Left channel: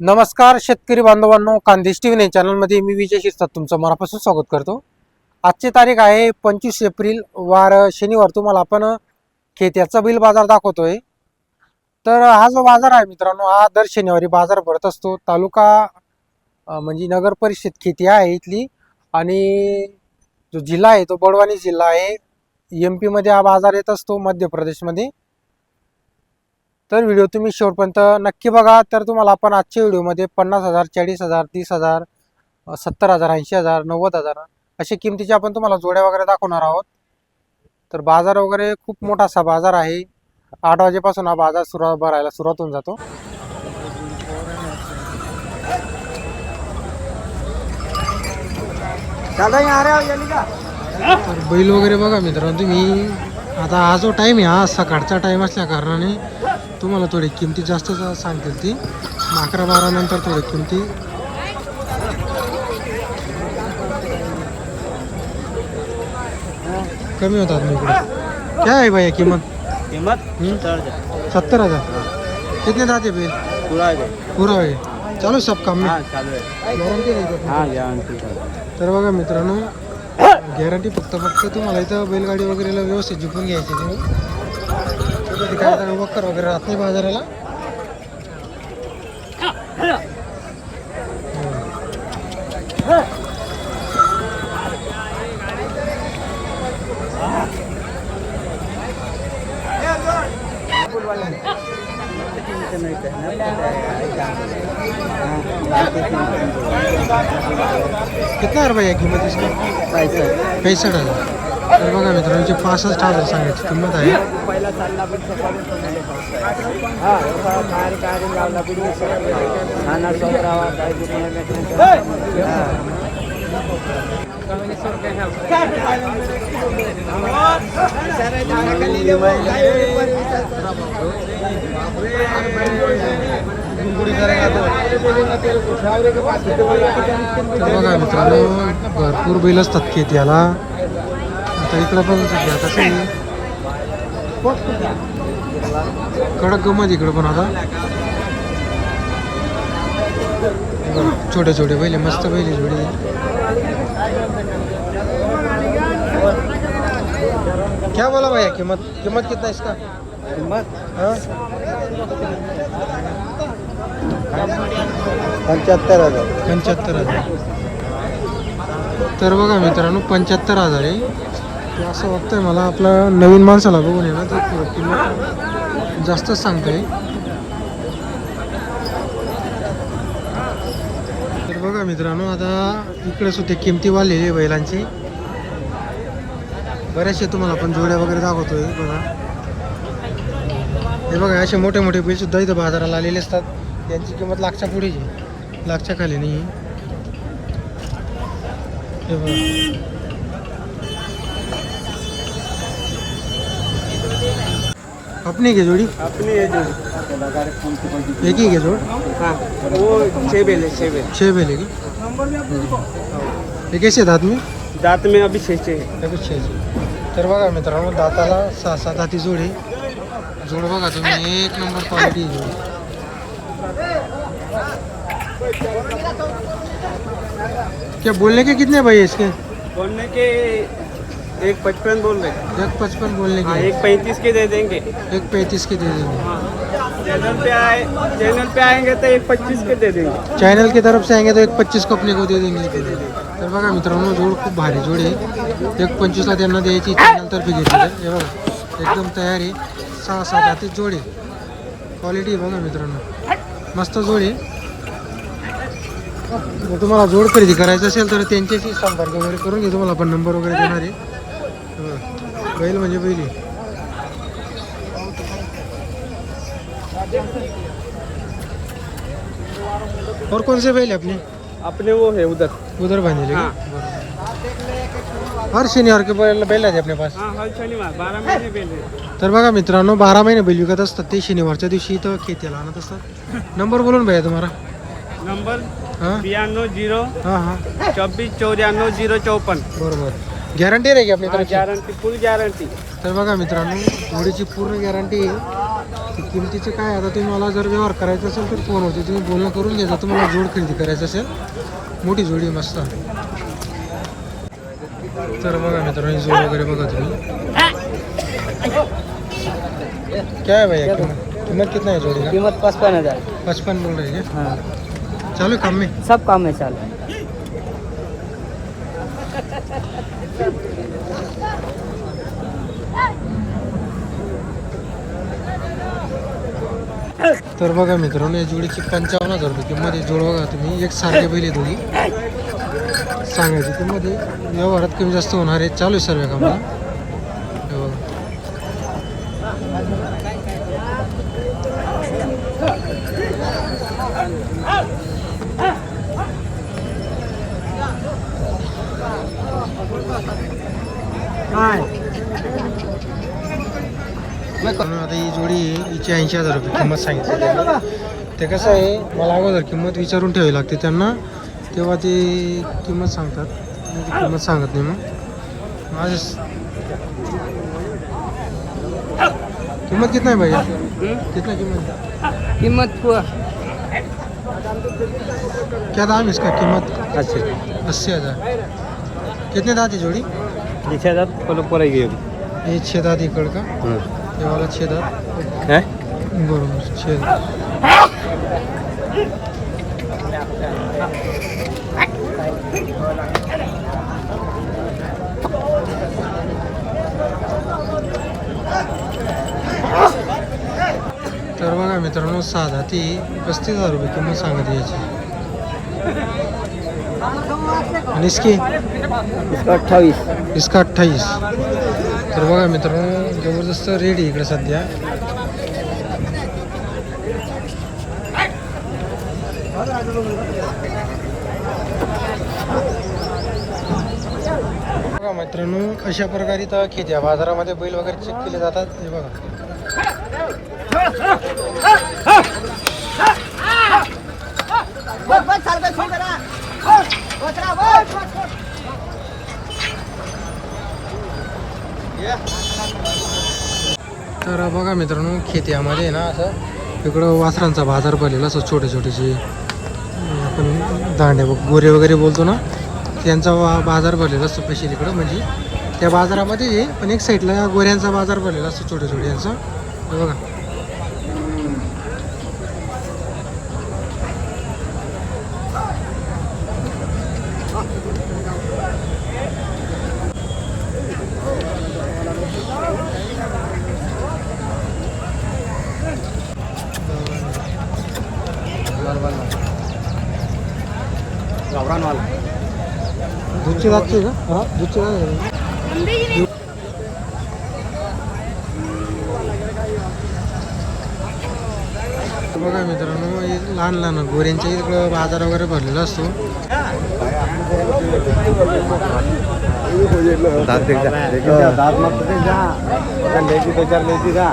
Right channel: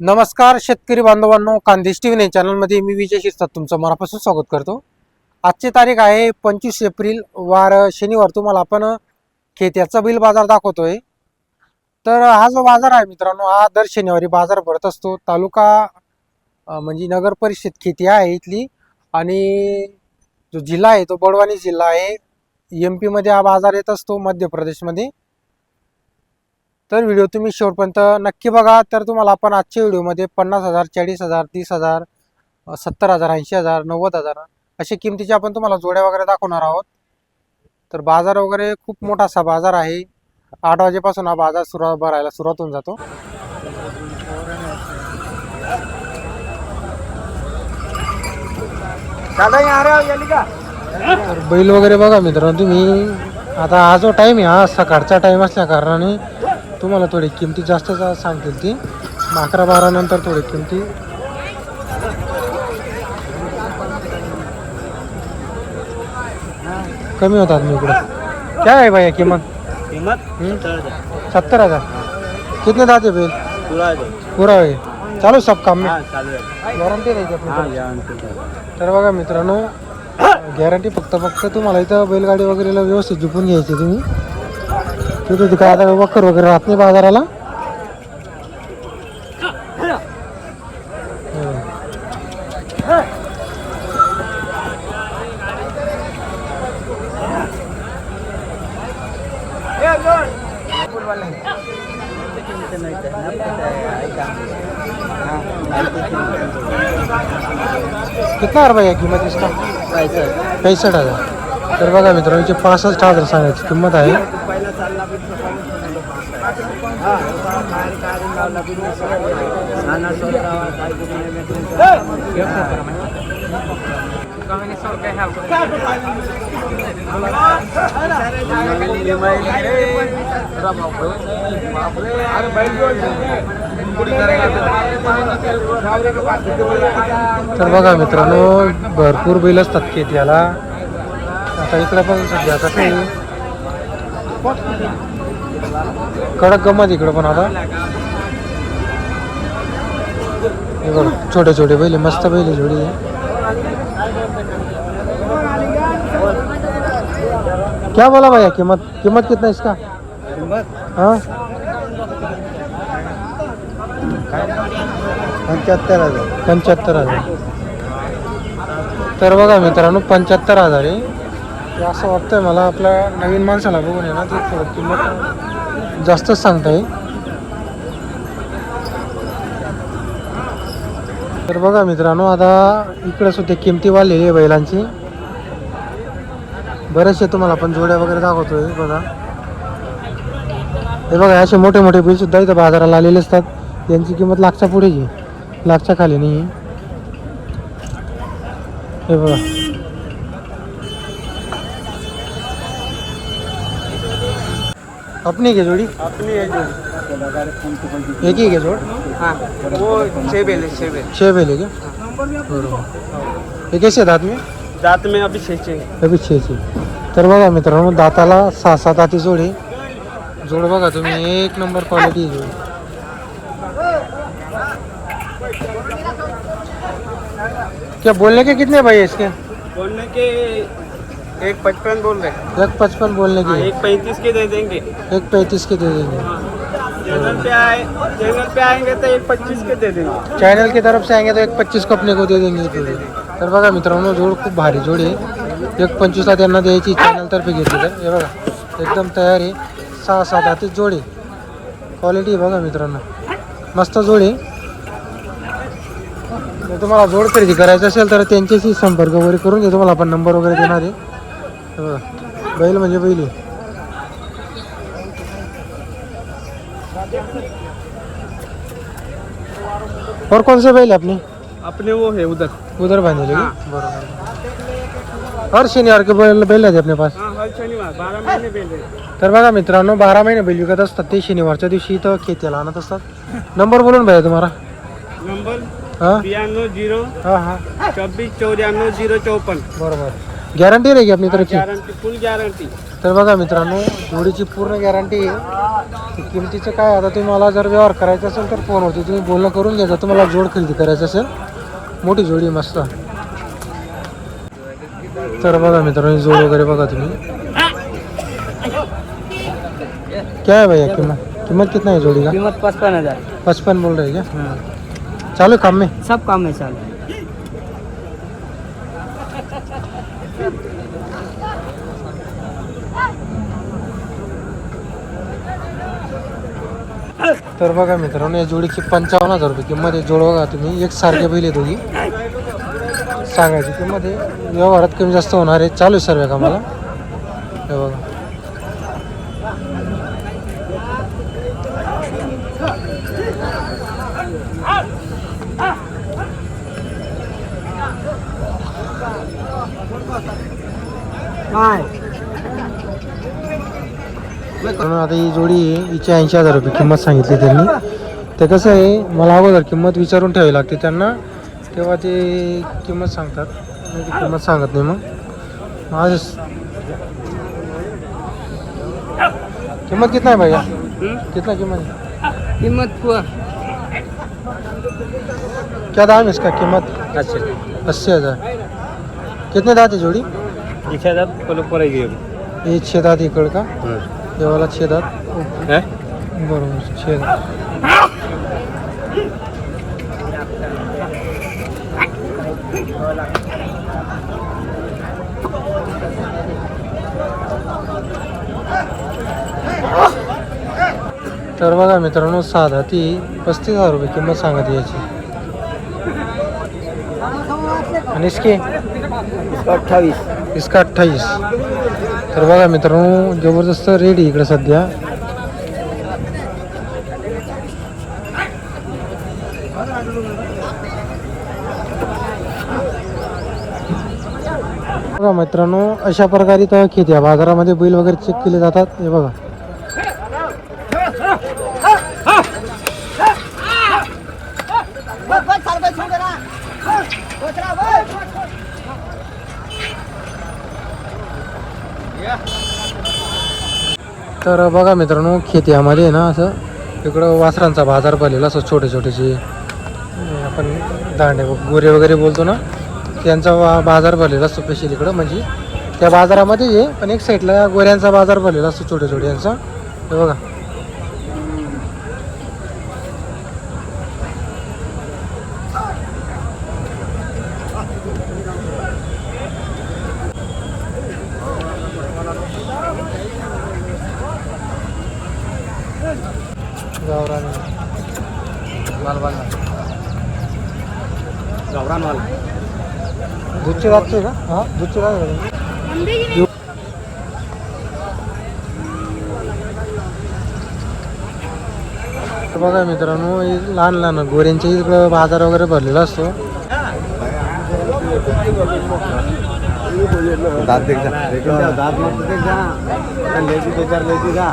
नमस्कार शेतकरी बांधवांनो, खानदेश टीव्ही चॅनलमध्ये मी विजय शिरसाट तुमचं मनापासून स्वागत करतो। आजची तारीख आहे 25 एप्रिल वार शनिवार। तुम्हाला आपण खेत्याचा बैल बाजार दाखवतोय। तर हा जो बाजार आहे मित्रांनो, हा दर शनिवारी बाजार भरत असतो। तालुका म्हणजे नगर परिषद खेती आहे इथली, आणि जो जिल्हा आहे तो बडवानी जिल्हा आहे। MP मध्ये हा बाजार येत असतो, मध्य प्रदेशमध्ये। तर व्हिडिओ तुम्ही शेवटपर्यंत नक्की बघा। तर तुम्हाला आपण आजच्या व्हिडिओमध्ये 50,000, 40,000, 30,000, 70,000, 80,000, 90,000 अशा किमतीचे आपण तुम्हाला जोड्या वगैरे दाखवणार आहोत। तर बाजार वगैरे खूप मोठा असा बाजार आहे। 8 वाजेपासून हा बाजार भरायला सुरुवात होऊन जातो। तर बैल वगैरे बघा मित्रांनो तुम्ही। आता हा जो टाइम आहे हा सकाळचा टाइम असल्या कारणाने तुम्हाला थोडी किमती जास्त सांगतील ती 11-12 नंतर थोडी किमती कमी होतात। मी इकडे काय आहे भैया कीमत 70,000। कितने दाते बैल पूरा है? चालू सब काम में गॅरंटी नाही का? तर बघा मित्रांनो, गॅरंटी फक्त तुम्हाला इथं बैलगाडी वगैरे व्यवस्थित झुकून घ्यायची तुम्ही। तिथे काय आता वखर वगैरे राहत नाही बाजाराला। कितना रुपये कीमत इसका? 65,000। तर बघा मित्रांची 65,000 सांगायची किंमत आहे। तर बघा मित्रांनो, भरपूर बैल असतात खेत्याला। आता इकडे पण सध्या कसं आहे, कडक गमत इकडे पण। आता छोटे छोटे बैल, मस्त बैल जोडी। क्या बोला भैया कीमत कितना इसका? हाँ 75,000। तर बघा मित्रांनो 75,000 आहे। ते असं वाटतंय मला आपल्या नवीन माणसाला बघून आहे ना, ते थोडं किंमत जास्तच सांगताय। तर बघा मित्रांनो, आता इकडे सुद्धा किमती वाढलेली आहे बैलांची। बरेचसे तुम्हाला आपण जोड्या वगैरे दाखवतोय बघा। हे बघा असे मोठे मोठे बैल सुद्धा इथं बाजाराला आलेले असतात। त्यांची किंमत लाखच्या पुढेच आहे, लाखच्या खाली नाही। हे बघा अपनी क्या जोड़ी? अपनी है जो एक ही क्या जोड़? हाँ वो 6 बेल है 6 बैल है क्या? ये कैसे दांत में? दांत में अभी 6 है। अभी 6। तर बघा मित्रांनो, दाताला 6 दाती जोड बघा तुम्ही, एक नंबर क्वालिटी जोड। क्या बोलने के कितने भाई इसके? बोलने के 1.55 बोल रहे हैं। 1.55 बोलने के, 1.35 के दे देंगे। 1.35 के दे देंगे। चैनल पे आएंगे तो 1.25 के दे देंगे। चॅनल की तरफ से आएंगे तो 1.25 को अपने को दे देंगे। तर बघा मित्रांनो, जोड खूप भारी जोड आहे। 1.25 ला त्यांना द्यायची चॅनल तर्फे घेतली। तर हे बघा एकदम तयार आहे। 6 दाती जोड आहे। क्वालिटी बघा मित्रांनो, मस्त जोड आहे। जर तुम्हाला जोड खरेदी करायचं असेल तर त्यांच्याशी संपर्क वगैरे करून घ्या। तुम्हाला आपण नंबर वगैरे देणार आहे। बैल म्हणजे बैल आहे। और कौन से बैल है अपने? अपने वो है उधर बांधले की बरोबर। हर शनिवार के बैल आहे अपने पास? हाँ हर शनिवार 12 महीने बेल है। तर बघा मित्रांनो, 12 महिने बैल विकत असतात ते। शनिवारच्या दिवशी इथं खेत्याला आणत असतात। नंबर बोलून भैया तुम्हाला। नंबर हाँ 92 हाँ हाँ 24 94 054। बरोबर। गॅरंटी नाही की आपली तरी? गारंटी, फुल गारंटी। तर बघा मित्रांनो, जोडीची पूर्ण गॅरंटी आहे। किमतीचं काय आता तुम्हाला जर व्यवहार करायचा असेल तर फोनवरती तुम्ही बोलणं करून घ्यायचं. तुम्हाला जोड खरेदी करायचं असेल मोठी जोडी मस्त. तर बघा मित्रांनो ही जोड वगैरे बघा तुम्ही. क्या है भैया कीमत कितना है जोड़ी का? कीमत 55,000. 55 बोल रहे हैं क्या? चालू काम में? सब काम में चालू. तर बघा मित्रांनो या जोडीची 55,000 रुपये किंमत आहे. जोड बघा तुम्ही एक सारखे बैल आहे दोघी. सांगायची किंमत आहे. व्यवहारात कमी जास्त होणार आहे. चालू आहे सर्व कामाला. हे बघा आता ही जोडी आहे हिची 80,000 रुपये किंमत सांगितली त्यांनी. ते कसं आहे मला अगोदर किंमत विचारून ठेवावी लागते त्यांना, तेव्हा ते किंमत सांगतात. नाही ती किंमत सांगत नाही. मग आज किंमत कितना है भैया? कितना कीमत है? कीमत क्या दाम है इसका? कीमत 80,000. कितने दांत है जोड़ी? 6 दात पडेगी. ये 6 दांत इकड़ का, ये वाला 6 दांत. बरोबर 6 दांत. तर बघा मित्रांनो 6 दाती 35,000 रुपये किंमत सांगत याची. आणि इसकी 28. इसका 28. तर बघा मित्रांनो जबरदस्त रेट आहे इकडे सध्या. बघा मित्रांनो अशा प्रकारे तर खेत्या बाजारामध्ये बैल वगैरे चेक केले जातात. हे बघा तर बघा मित्रांनो खेत्यामध्ये ना असं इकडं वासरांचा बाजार भरलेला असं छोटे छोटेचे आपण दांडे गोरे वगैरे बोलतो ना, त्यांचा बाजार भरलेला असतो स्पेशल इकडं. म्हणजे त्या बाजारामध्ये आहे पण एक साईडला गोऱ्यांचा बाजार भरलेला असतो छोटे छोटे यांचा. हे बघा गावरानवाला. दूधचे दाखते का? हां दूधचे दाखते. बघा मित्रांनो लहान लहान गोऱ्यांच्या इकडं बाजार वगैरे भरलेला असतो. दात देख जा. दात मत देख जा. लेगी 2-4 लेगी जा.